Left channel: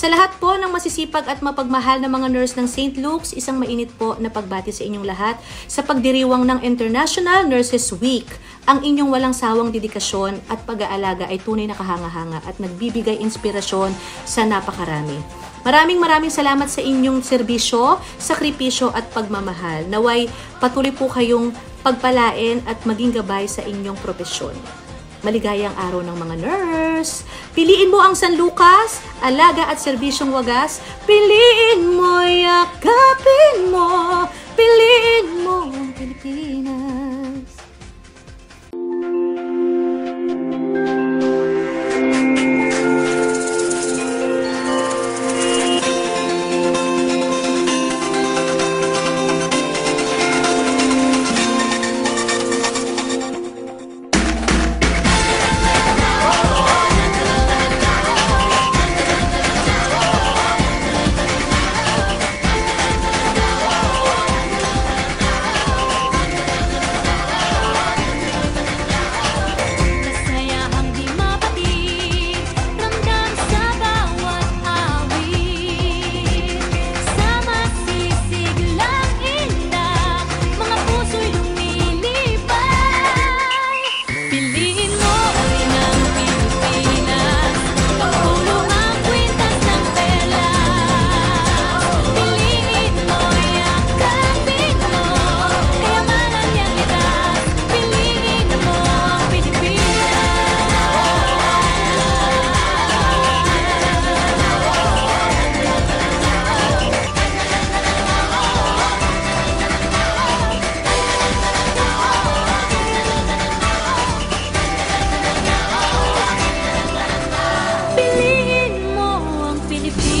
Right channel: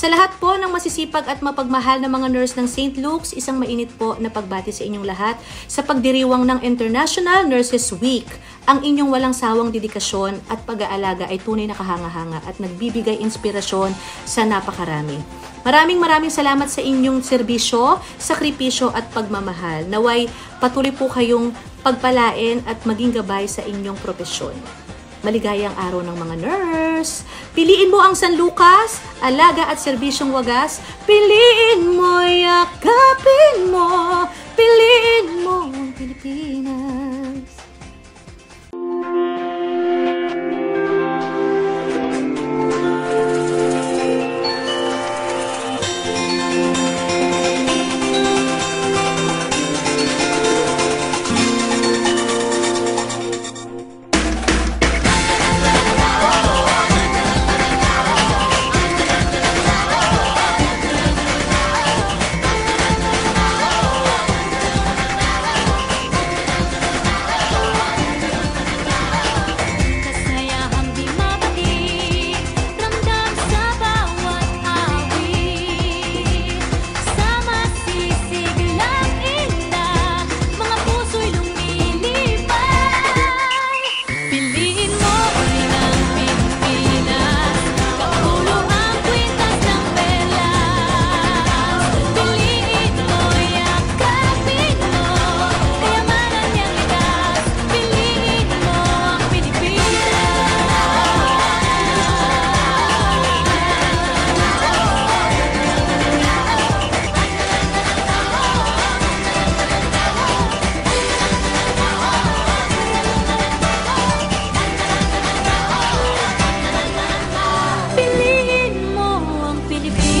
Sa lahat po ng masisipag at mapagmahal na mga nurse ng St. Luke's, isang mainit po na pagbati sa inyong lahat sa pagdiriwang ng International Nurses Week. Ang inyong walang sawang dedikasyon at pag-aalaga ay tunay na kahanga-hanga at nagbibigay inspirasyon sa napakarami. Maraming salamat sa inyong serbisyo, sakripisyo at pagmamahal. Naway patuloy po kayong pagpalain at maging gabay sa inyong propesyon. Maligayang araw ng mga nurse. Piliin mo ang San Lucas, alaga at serbisyong wagas. Piliin mo, yakapin mo. Piliin mo ang Pilipinas. Piliin mo ang Pilipinas.